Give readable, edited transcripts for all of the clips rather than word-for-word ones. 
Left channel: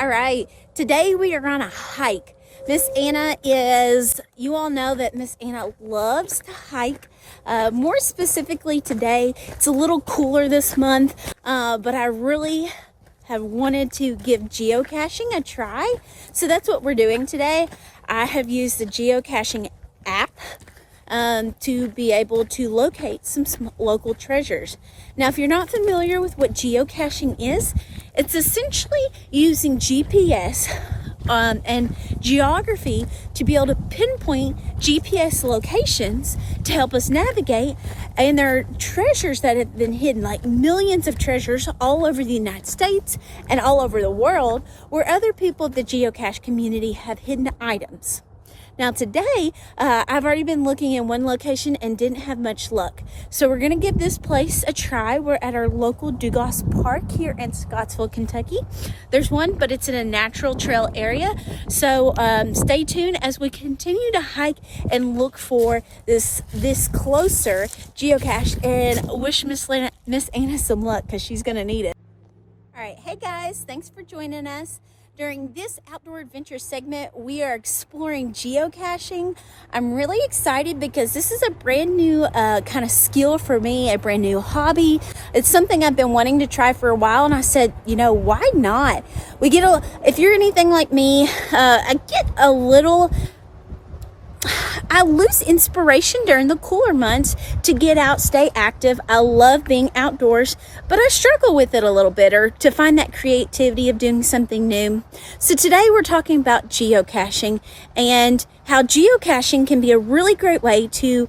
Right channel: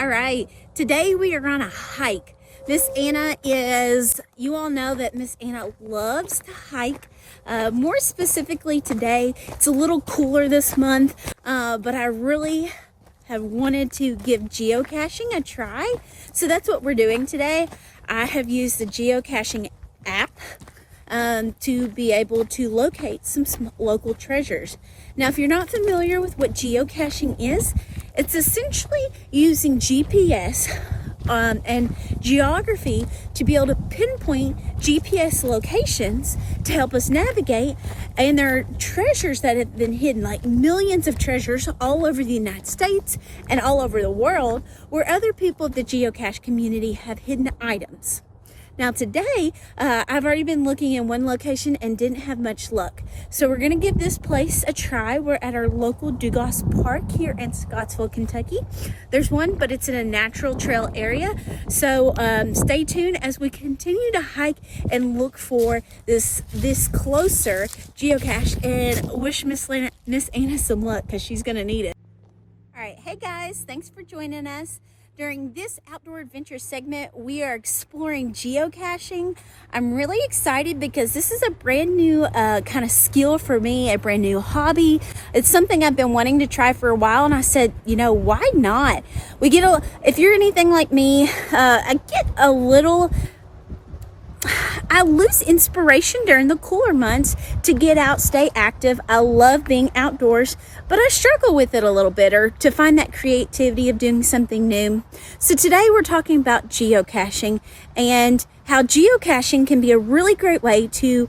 All right, today we are on a hike. Miss Anna you all know that Miss Anna loves to hike. More specifically today, it's a little cooler this month, but I really have wanted to give geocaching a try. So that's what we're doing today. I have used the geocaching app to be able to locate some local treasures. Now, if you're not familiar with what geocaching is, it's essentially using GPS and geography to be able to pinpoint GPS locations to help us navigate. And there are treasures that have been hidden, like millions of treasures all over the United States and all over the world, where other people of the geocache community have hidden items. Now today, I've already been looking in one location and didn't have much luck. So we're gonna give this place a try. We're at our local Geocache Park here in Scottsville, Kentucky. There's one, but it's in a natural trail area. So stay tuned as we continue to hike and look for this closer geocache, and wish Miss Anna some luck because she's gonna need it. All right, hey guys, thanks for joining us. During this outdoor adventure segment, we are exploring geocaching. I'm really excited because this is a brand new kind of skill for me, a brand new hobby. It's something I've been wanting to try for a while, and I said, you know, why not? If you're anything like me, I lose inspiration during the cooler months to get out, stay active. I love being outdoors, but I struggle with it a little bit, or to find that creativity of doing something new. So today we're talking about geocaching and how geocaching can be a really great way to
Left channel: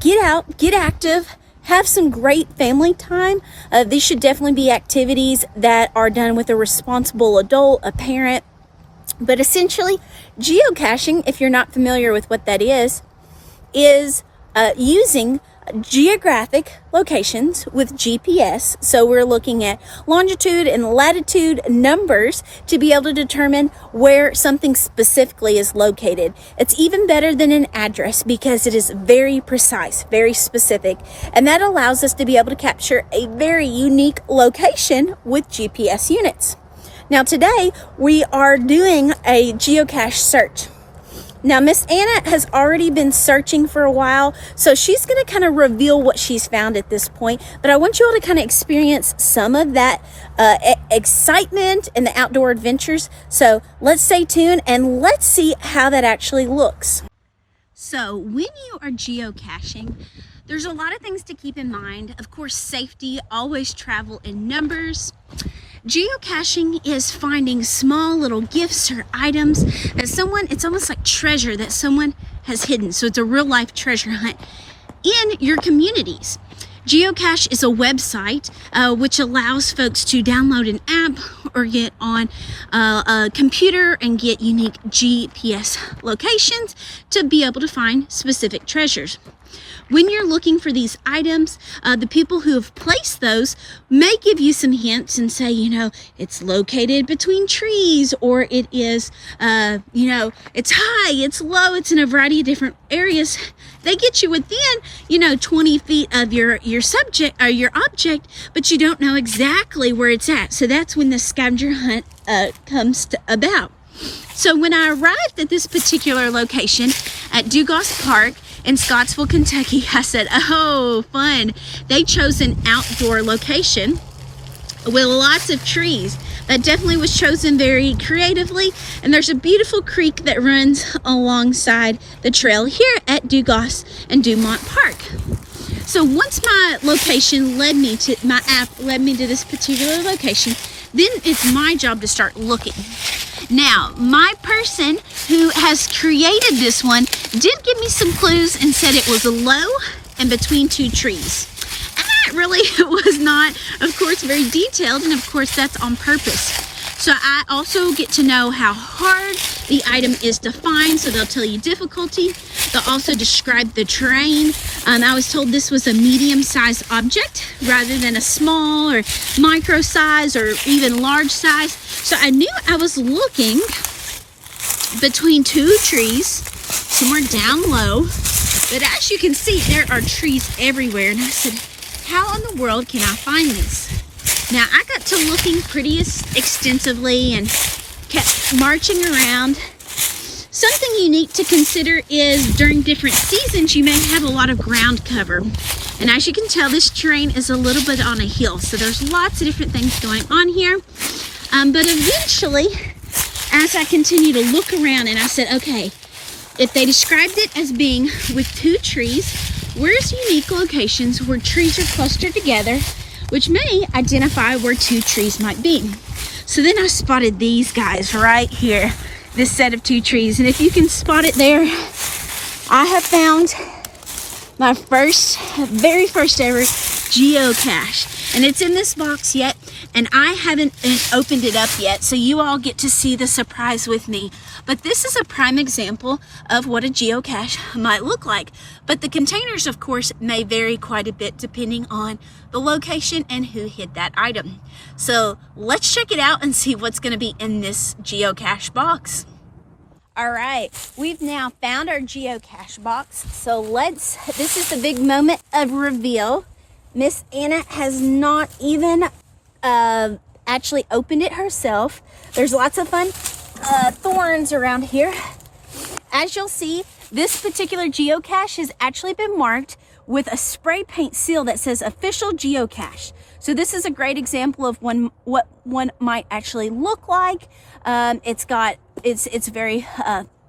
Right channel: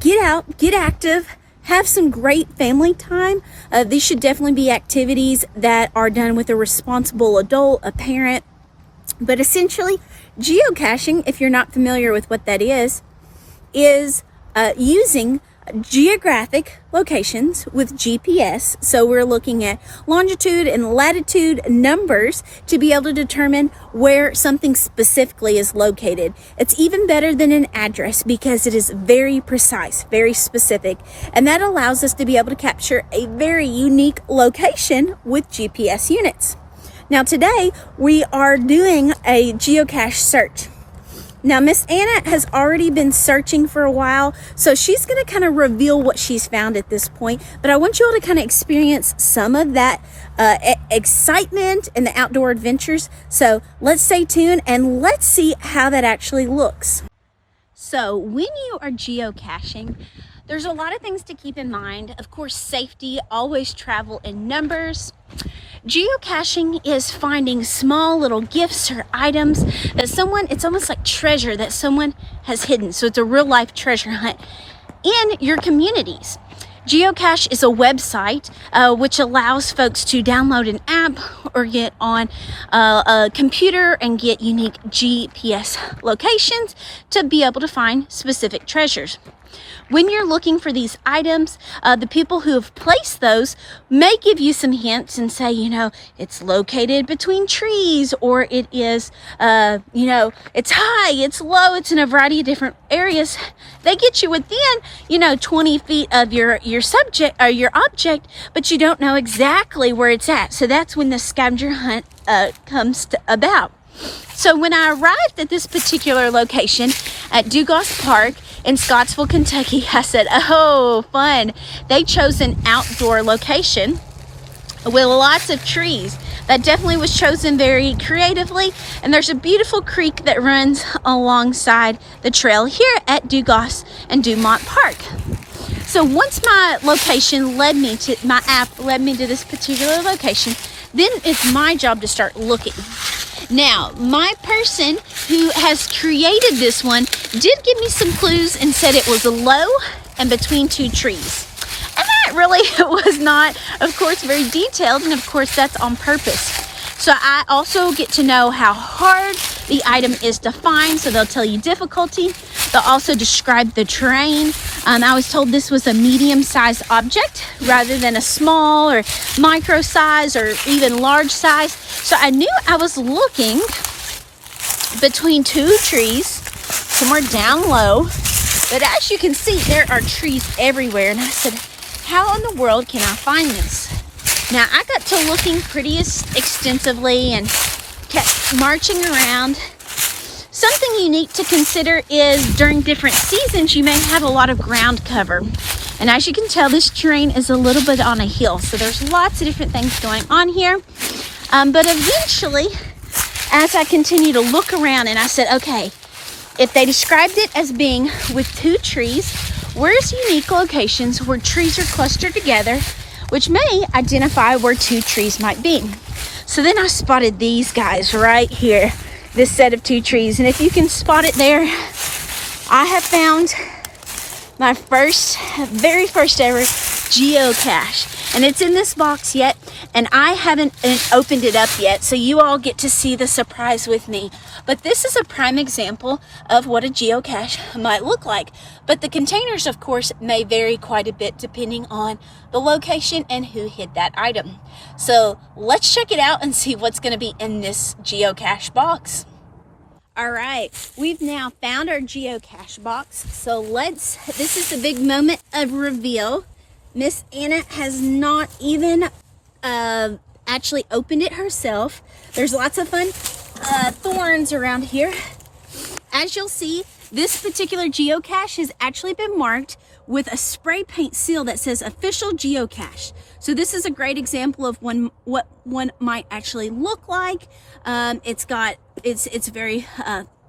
get out, get active, have some great family time. These should definitely be activities that are done with a responsible adult, a parent. But essentially, geocaching, if you're not familiar with what that is using geographic locations with GPS. So we're looking at longitude and latitude numbers to be able to determine where something specifically is located. It's even better than an address because it is very precise, very specific, and that allows us to be able to capture a very unique location with GPS units. Now today we are doing a geocache search. Now Miss Anna has already been searching for a while, so she's going to kind of reveal what she's found at this point. But I want you all to kind of experience some of that excitement and the outdoor adventures. So let's stay tuned and let's see how that actually looks. So when you are geocaching, there's a lot of things to keep in mind. Of course, safety, always travel in numbers. Geocaching is finding small little gifts or items that it's almost like treasure that someone has hidden. So it's a real life treasure hunt in your communities. Geocache is a website which allows folks to download an app or get on a computer and get unique GPS locations to be able to find specific treasures. When you're looking for these items, the people who have placed those may give you some hints and say, you know, it's located between trees, or it is, it's high, it's low, it's in a variety of different areas. They get you within, 20 feet of your subject or your object, but you don't know exactly where it's at. So that's when the scavenger hunt comes about. So when I arrived at this particular location at Geocache Park in Scottsville, Kentucky, I said, oh, fun. They chose an outdoor location with lots of trees. That definitely was chosen very creatively. And there's a beautiful creek that runs alongside the trail here at Geocache and Dumont Park. So once my app led me to this particular location, then it's my job to start looking. Now, my person who has created this one did give me some clues and said it was low and between two trees. And that really was not, of course, very detailed, and of course that's on purpose. So I also get to know how hard the item is to find, so they'll tell you difficulty. They'll also describe the terrain. I was told this was a medium-sized object rather than a small or micro size or even large size. So I knew I was looking between two trees, somewhere down low. But as you can see, there are trees everywhere. And I said, how in the world can I find this? Now, I got to looking pretty extensively, and kept marching around. Something unique to consider is during different seasons, you may have a lot of ground cover. And as you can tell, this terrain is a little bit on a hill. So there's lots of different things going on here. But eventually, as I continue to look around and I said, okay, if they described it as being with 2 trees, where's unique locations where trees are clustered together, which may identify where 2 trees might be. So then I spotted these guys right here, this set of 2 trees. And if you can spot it there, I have found my very first ever geocache. And it's in this box yet, and I haven't opened it up yet, so you all get to see the surprise with me. But this is a prime example of what a geocache might look like. But the containers, of course, may vary quite a bit depending on the location and who hid that item. So let's check it out and see what's going to be in this geocache box. All right, we've now found our geocache box. So this is the big moment of reveal. Miss Anna has not even actually opened it herself. There's lots of fun thorns around here. As you'll see, this particular geocache has actually been marked with a spray paint seal that says official geocache. So this is a great example of what one might actually look like. It's very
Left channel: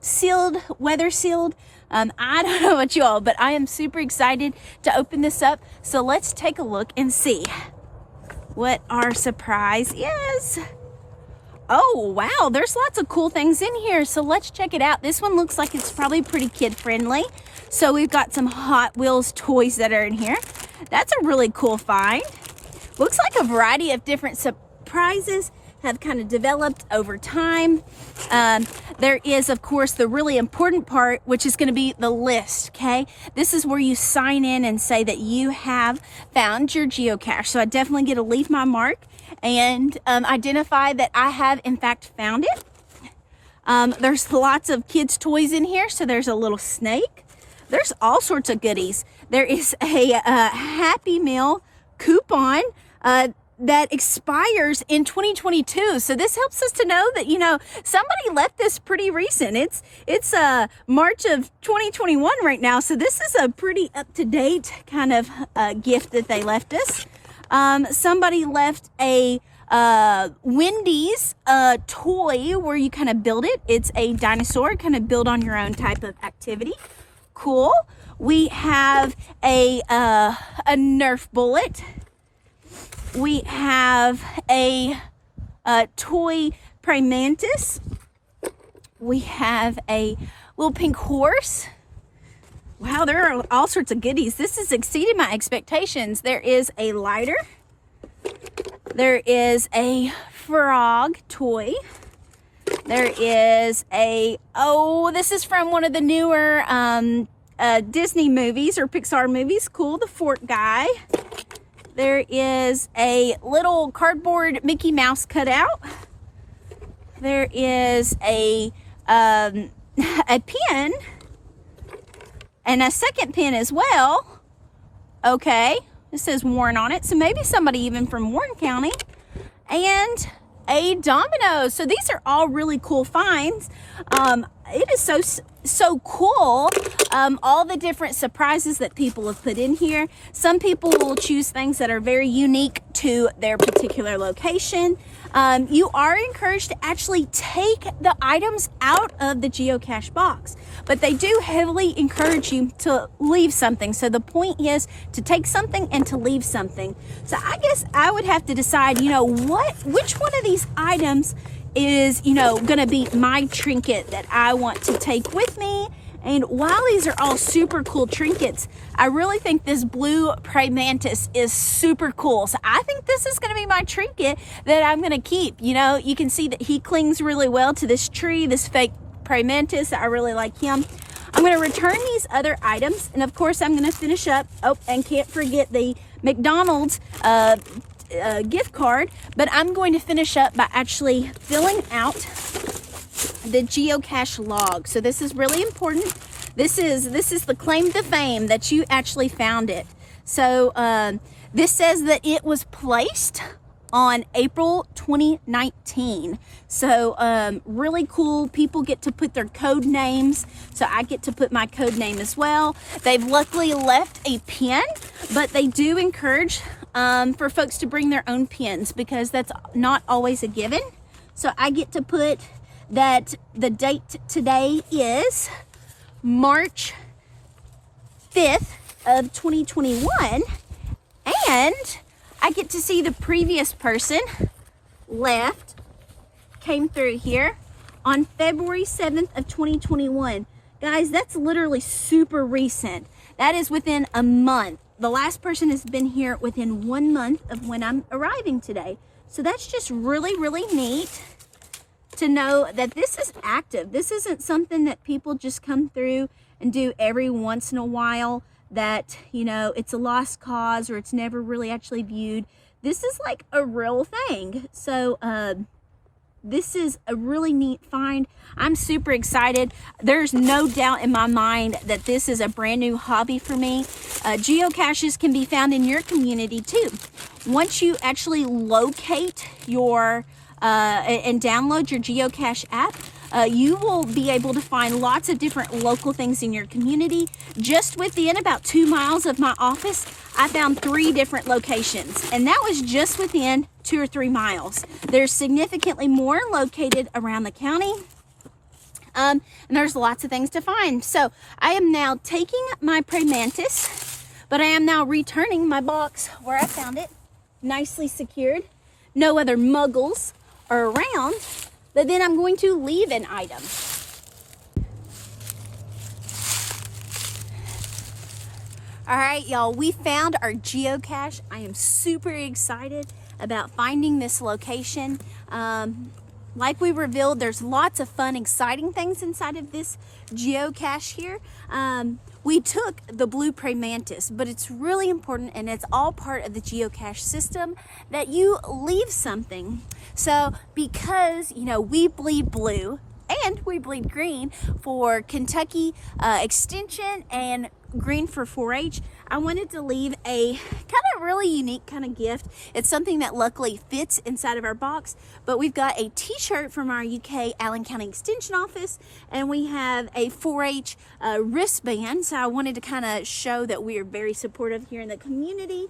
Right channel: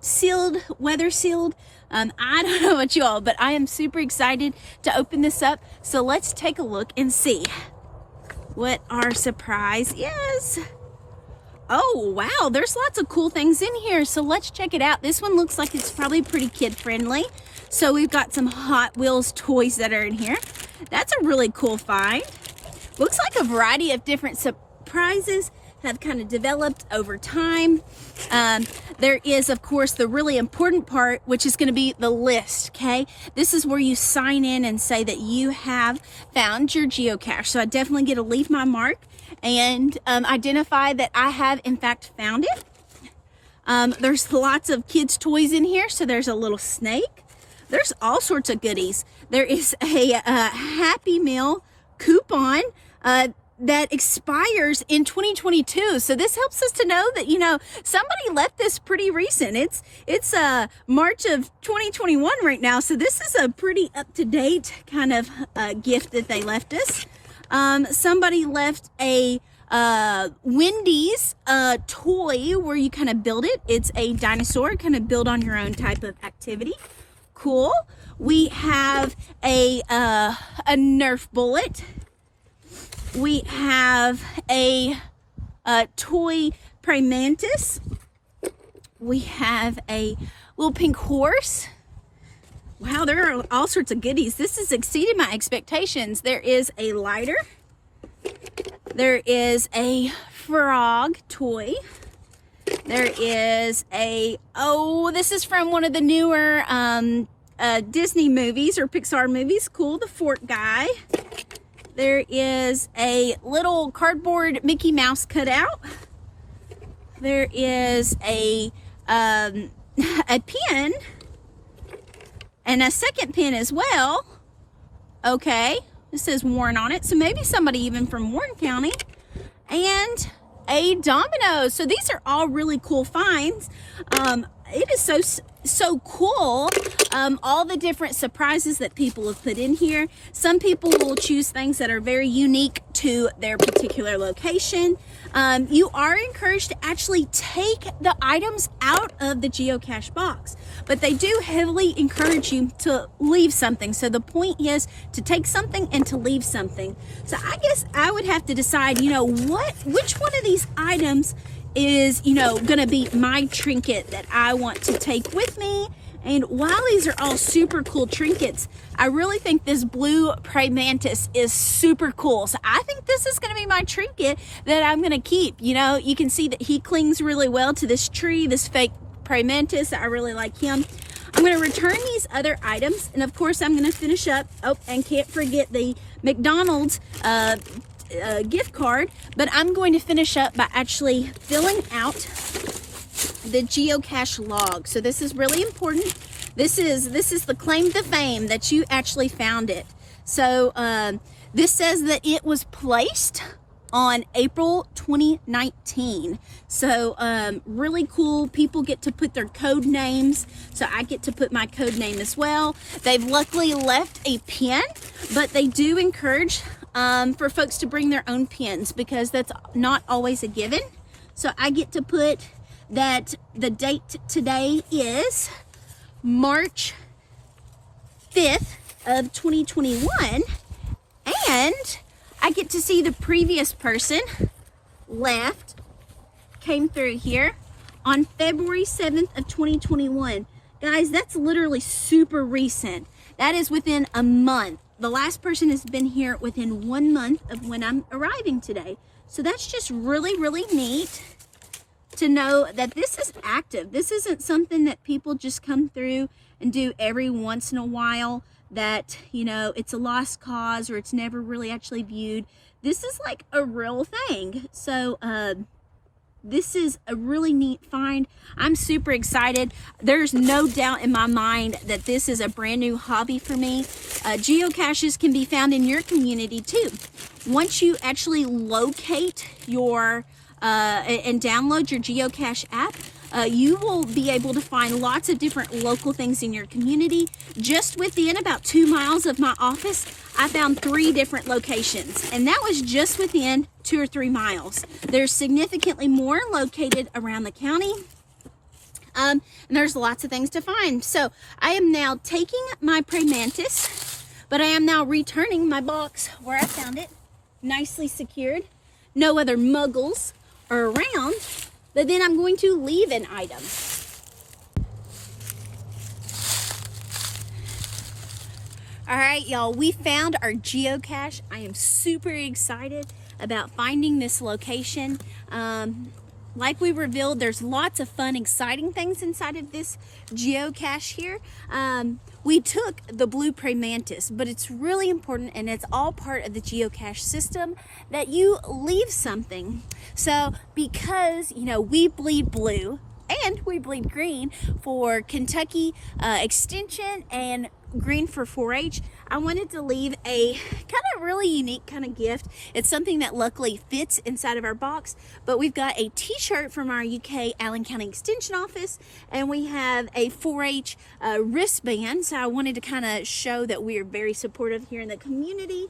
sealed, weather sealed. I don't know about you all, but I am super excited to open this up. So let's take a look and see what our surprise is. Oh, wow, there's lots of cool things in here. So let's check it out. This one looks like it's probably pretty kid friendly. So we've got some Hot Wheels toys that are in here. That's a really cool find. Looks like a variety of different surprises have kind of developed over time. There is, of course, the really important part, which is going to be the list, okay? This is where you sign in and say that you have found your geocache. So I definitely get to leave my mark and identify that I have, in fact, found it. There's lots of kids' toys in here. So there's a little snake. There's all sorts of goodies. There is a Happy Meal coupon that expires in 2022. So this helps us to know that, somebody left this pretty recent. It's March of 2021 right now. So this is a pretty up-to-date kind of gift that they left us. Somebody left a Wendy's toy where you kind of build it. It's a dinosaur, kind of build on your own type of activity. Cool. We have a Nerf bullet. We have a toy praying mantis. We have a little pink horse. Wow, there are all sorts of goodies. This has exceeded my expectations. There is a lighter. There is a frog toy. There is this is from one of the newer Disney movies or Pixar movies. Cool, the fort guy. There is a little cardboard Mickey Mouse cutout. There is a pen and a second pen as well. Okay, this says Warren on it, so maybe somebody even from Warren County. And a domino. So these are all really cool finds. It is so cool, all the different surprises that people have put in here. Some people will choose things that are very unique to their particular location. You are encouraged to actually take the items out of the geocache box, but they do heavily encourage you to leave something. So the point is to take something and to leave something. So I guess I would have to decide, which one of these items is, going to be my trinket that I want to take with me. And while these are all super cool trinkets, I really think this blue praying mantis is super cool. So I think this is going to be my trinket that I'm going to keep. You can see that he clings really well to this tree, this fake praying mantis. I really like him. I'm going to return these other items. And of course, I'm going to finish up. Oh, and can't forget the McDonald's gift card, but I'm going to finish up by actually filling out the geocache log. So this is really important. This is the claim to fame that you actually found it. So this says that it was placed on April 2019. So really cool. People get to put their code names, so I get to put my code name as well. They've luckily left a pin, but they do encourage for folks to bring their own pins because that's not always a given. So I get to put that the date today is March 5th of 2021, and I get to see the previous person left, came through here on February 7th of 2021. Guys, that's literally super recent. That is within a month. The last person has been here within 1 month of when I'm arriving today. So that's just really, really neat to know that this is active. This isn't something that people just come through and do every once in a while, that, you know, it's a lost cause or it's never really actually viewed. This is like a real thing. So this is a really neat find. I'm super excited. There's no doubt in my mind that this is a brand new hobby for me. Geocaches can be found in your community too. Once you actually locate your and download your Geocache app, you will be able to find lots of different local things in your community. Just within about 2 miles of my office, I found 3 different locations, and that was just within 2 or 3 miles. There's significantly more located around the county, and there's lots of things to find. So I am now taking my praying mantis, but I am now returning my box where I found it, nicely secured. No other muggles are around, but then I'm going to leave an item. All right, y'all, we found our geocache. I am super excited about finding this location. Like we revealed, there's lots of fun, exciting things inside of this geocache here. We took the blue praying mantis, but it's really important, and it's all part of the geocache system, that you leave something. So because, you know, we bleed blue and we bleed green for Kentucky Extension and green for 4-H, I wanted to leave a kind of really unique kind of gift. It's something that luckily fits inside of our box, but we've got a t-shirt from our UK Allen County Extension office, and we have a 4-H wristband. So I wanted to kind of show that we are very supportive here in the community.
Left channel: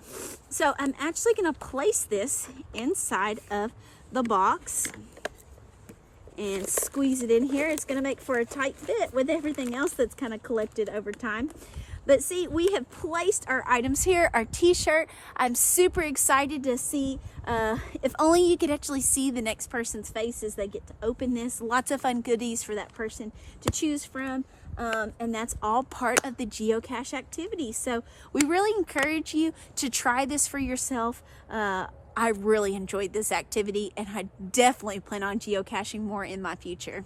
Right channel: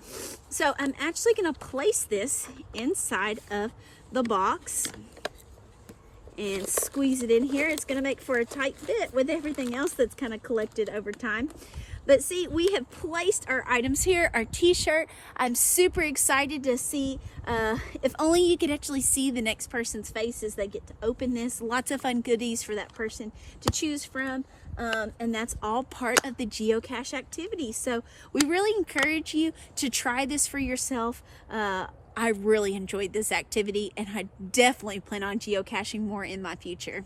So I'm actually going to place this inside of the box and squeeze it in here. It's going to make for a tight fit with everything else that's kind of collected over time. But see, we have placed our items here, our t-shirt. I'm super excited to see, if only you could actually see the next person's face as they get to open this. Lots of fun goodies for that person to choose from. And that's all part of the geocache activity. So we really encourage you to try this for yourself. I really enjoyed this activity, and I definitely plan on geocaching more in my future.